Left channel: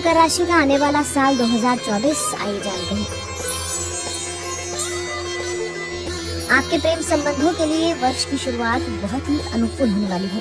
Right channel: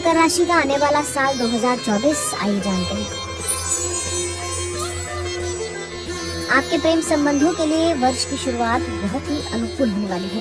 मकर राशि का आने वाला साल 2024 आइए जानते हैं। आपके प्रेम संबंधों के लिए वर्ष की शुरुआत बहुत ही अनुकूल होने वाली है,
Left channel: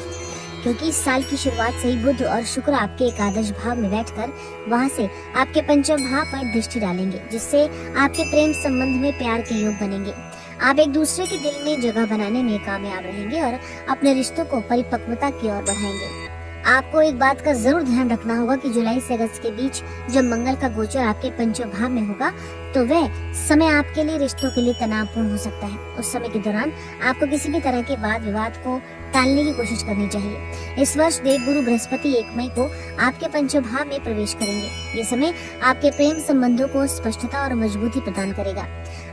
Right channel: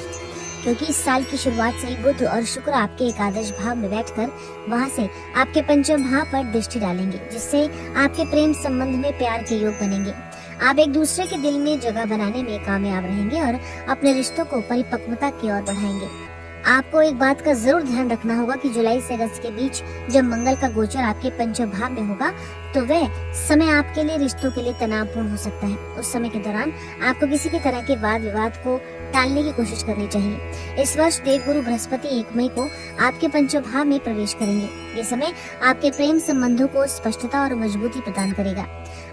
क्योंकि इस साल की शुरुआत से ही बुध और शुक्र आपके एकादश भाव में बैठकर वहां से आपके पंचम भाव पर दृष्टि डालेंगे, जिससे आपके प्रेम संबंध में प्यार के योग बनेंगे। आप एक दूसरे के दिल में जगह बनाने में कामयाब रहेंगे और अपने रिश्तों को परिपक्वता की ओर बढ़ाएंगे। आपको एक बात का जरूर ध्यान रखना होगा कि जुलाई से अगस्त के बीच जब मंगल का गोचर आपके पंचम भाव में होगा, तो वह समय आपके लिए रिश्तों के लिए तनावपूर्ण हो सकता है। उस समय के दौरान आपको किसी भी तरह के वाद विवाद को टालने की कोशिश करनी चाहिए। इस वर्ष देवगुरु बृहस्पति 1 मई को आपके पंचम भाव में प्रवेश करेंगे। ये समय आपके प्रेम संबंधों को स्पष्टता और मजबूती प्रदान करेगा।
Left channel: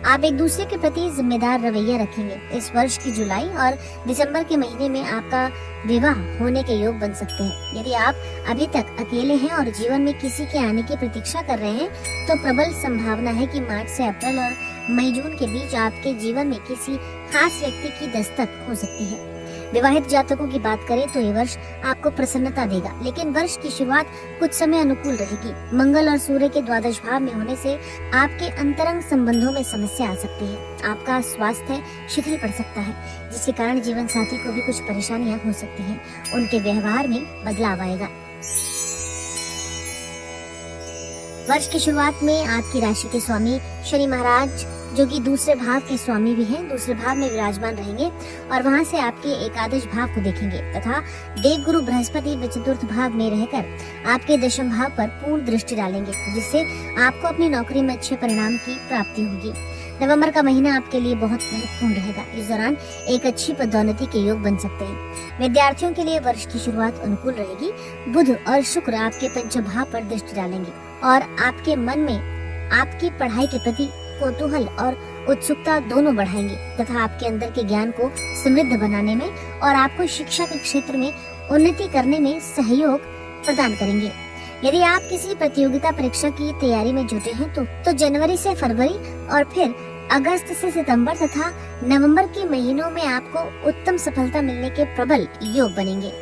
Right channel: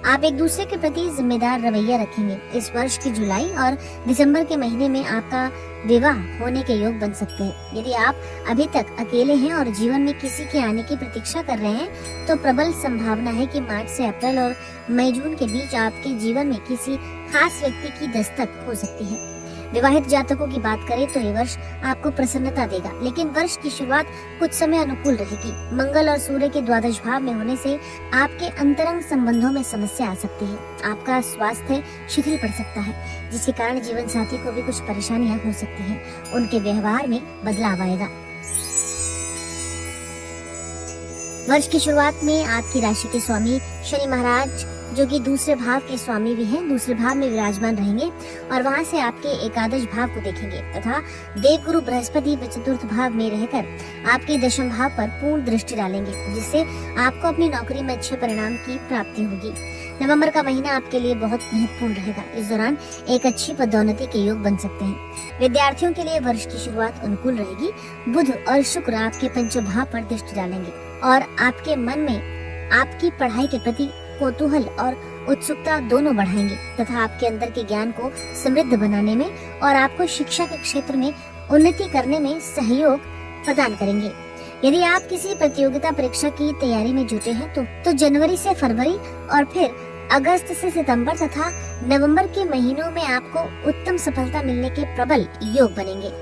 आप एक दूसरे के प्रति जिम्मेदार रवैया रखेंगे। इस वर्ष की जुलाई और दिसंबर के महीने में आपका विवाह होने के योग बन सकते हैं। यदि आप अभी तक अकेले हैं और जीवन में किसी के आने की प्रतीक्षा कर रहे हैं, तो प्रबल संभावना है कि मार्च से अप्रैल और मई जून के बीच आपके जीवन में किसी खास व्यक्ति की दस्तक हो सकती है। विवाहित जातकों की बात करें तो ये वर्ष आपको प्रसन्नता देगा, लेकिन वर्ष की शुरुआत कुछ समय अनुकूल रहेगी। मंगल और सूर्य के द्वादश भाव में होने से आपके अंतरंग संबंधों में समस्या आ सकती है। आपका स्वास्थ्य शिथिल पड़ सकता है, जिसके कारण जीवन साथी को भी कुछ परेशानियां हो सकती हैं। उनके व्यवहार में बदलाव आएगा। वर्ष की शुरुआत में आपकी राशि के स्वामी शनि महाराज, जो कि दूसरे भाव के स्वामी भी हैं, दूसरे भाव में विराजमान रहेंगे और वहां से आपके एकादश भाव को देखेंगे तथा देवगुरु बृहस्पति चतुर्थ भाव में रहकर आपके दशम भाव पर पूर्ण दृष्टि डालेंगे, जिससे आपको अपनी नौकरी में अच्छे परिणाम की प्राप्ति होगी। नवंबर का महीना आपके लिए बहुत महत्वपूर्ण रहेगा। इस दौरान एक अच्छी पदोन्नति के योग बन सकते हैं। विद्यार्थियों के लिए वर्ष की शुरुआत अनुकूल रहेगी। बुध और शुक्र आपके पंचम भाव पर दृष्टि डालेंगे और आपके मन में आपकी पढ़ाई के प्रति कौतूहल और उत्सुकता दोनों बढ़ाएंगे तथा आपके अंदर के ज्ञान को समृद्ध बनाने में और आपको शिक्षा के क्षेत्र में उन्नति करने में सहयोग प्रदान करेंगे। यदि आप किसी प्रतियोगिता परीक्षा की तैयारी में जुटे हैं तो जनवरी से फरवरी और फिर अगस्त से सितंबर तथा नवंबर के महीनों में आपको उत्तम सफलता मिलने के प्रबल योग बनेंगे।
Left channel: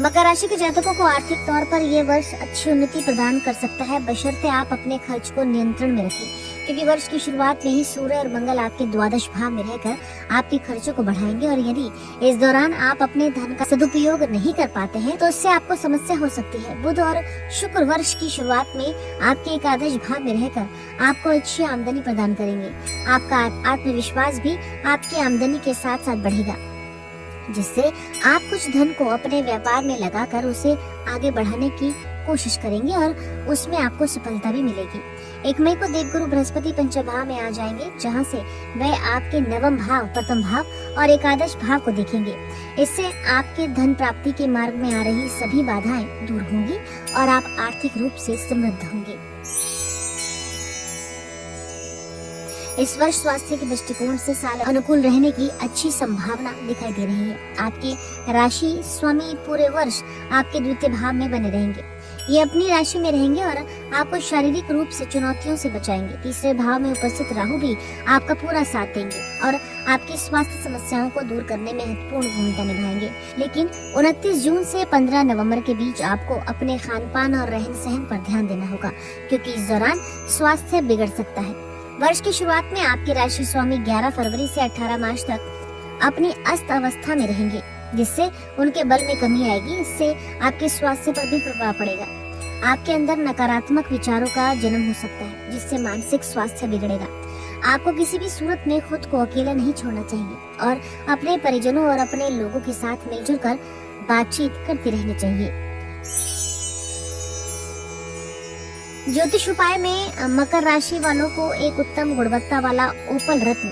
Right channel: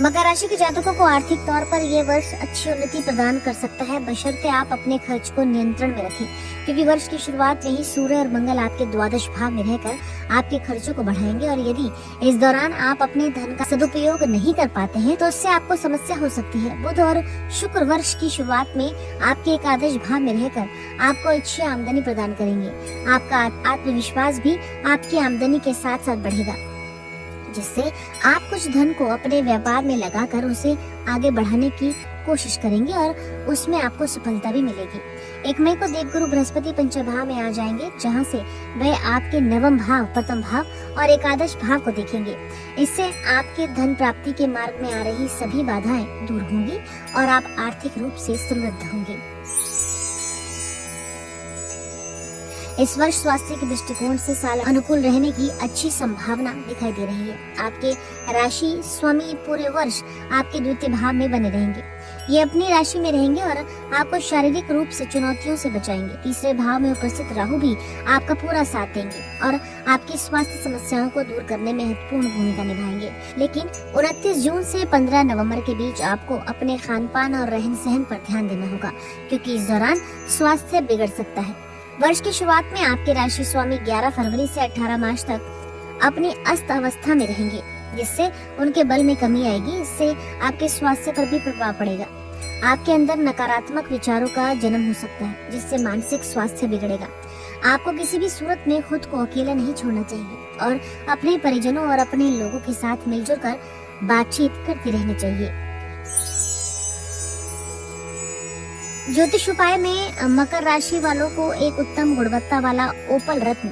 मकर राशि के जातकों को आर्थिक तौर पर यह वर्ष अच्छी उन्नति प्रदान कर सकता है, बशर्ते आप अपने खर्च को नियंत्रण में रखें, क्योंकि वर्ष की शुरुआत में ही सूर्य और मंगल आपके द्वादश भाव में रहकर आपके खर्चों को बढ़ाएंगे और यदि इस दौरान आप अपने धन का सदुपयोग नहीं कर पाते हैं तो उससे आपको समस्या हो सकती है। बुध और शुक्र वर्ष की शुरुआत में आपके एकादश भाव में रहकर आपको अच्छी आमदनी प्रदान करेंगे। आपका आत्मविश्वास भी आपकी आमदनी के साथ साथ बढ़ेगा, जिससे आप कुछ धन को अपने व्यापार में लगाकर उसे आगे बढ़ाने की कोशिश करेंगे और उसमें आपको सफलता भी मिलेगी। 1 मई को देवगुरु बृहस्पति पंचम भाव में आ जाएंगे, जहां से वह आपके नवम भाव, प्रथम भाव और एकादश भाव को देखेंगे। इससे आपके धन प्राप्ति के मार्ग में आ रही सभी बाधाएं दूर होंगी और आप आर्थिक रूप से समृद्ध होंगे। इस वर्ष स्वास्थ्य के दृष्टिकोण से साल अनुकूल रहने की अच्छी संभावना दिखाई दे रही है। आपके राशि स्वामी पूरे वर्ष आपके द्वितीय भाव में बने रहेंगे। ये अपनी राशि में रहेंगे और आपको शारीरिक रूप से चुनौतियों से बचाएंगे। तीसरे भाव में उपस्थित राहु भी आपका पूरा साथ देंगे और आपकी स्वास्थ्य समस्याओं को दूर करने में महत्वपूर्ण भूमिका निभाएंगे। लेकिन 29 जून से 15 नवंबर के बीच आपको अपने खान पान और रहन सहन पर ध्यान देना होगा, क्योंकि इस दौरान स्वास्थ्य बिगड़ सकता है। वर्ष की शुरुआत में आपके राशि स्वामी 11 फरवरी से 18 मार्च तक अपनी अस्त अवस्था में रहेंगे, जिससे उनके बल में कमी आएगी। इससे आपके स्वास्थ्य पर भी प्रभाव पड़ेगा। आपके अंदर नकारात्मक विचारों का जन्म हो सकता है, जिससे मानसिक स्वास्थ्य बिगड़ेगा। आपको किसी भी सूरत में खुद को अकेले नहीं छोड़ना चाहिए और अपने परिजनों और अपने लोगों के साथ मिलजुल कर बातचीत करती रहनी चाहिए। ज्योतिष उपाय में मकर राशि वालों को एक उत्तम गुणवत्ता वाला ओपल रत्न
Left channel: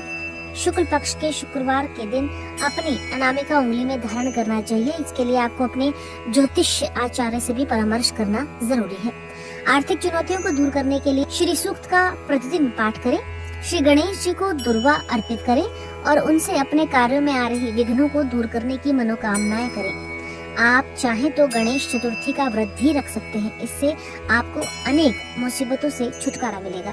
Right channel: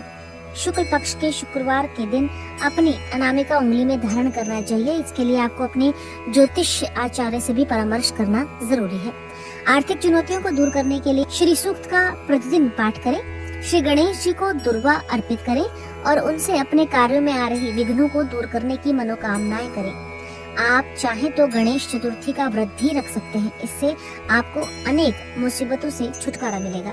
शुक्ल पक्ष के शुक्रवार के दिन अपनी अनामिका उंगली में धारण करना चाहिए। इसके लिए आपको अपने ज्योतिष आचार्य से भी परामर्श करना जरूरी है। आर्थिक चुनौतियों को दूर करने के लिए श्री सूक्त का प्रतिदिन पाठ करें। श्री गणेश जी को दुर्वा अर्पित करें और उनसे अपने कार्यों में आ रही विघ्नों को दूर करने की मनोकामनाएं करें। आप चाहे तो गणेश चतुर्थी का व्रत भी रख सकते हैं। इससे आपको अनेक मुसीबतों से छुटकारा मिलेगा।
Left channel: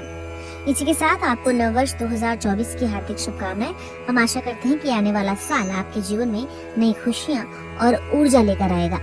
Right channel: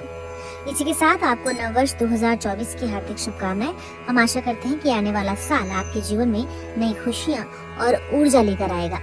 इसी के साथ आपको नववर्ष 2024 की हार्दिक शुभकामनाएं। हम आशा करते हैं कि आने वाला साल आपके जीवन में नई खुशियां और ऊर्जा लेकर आएगा।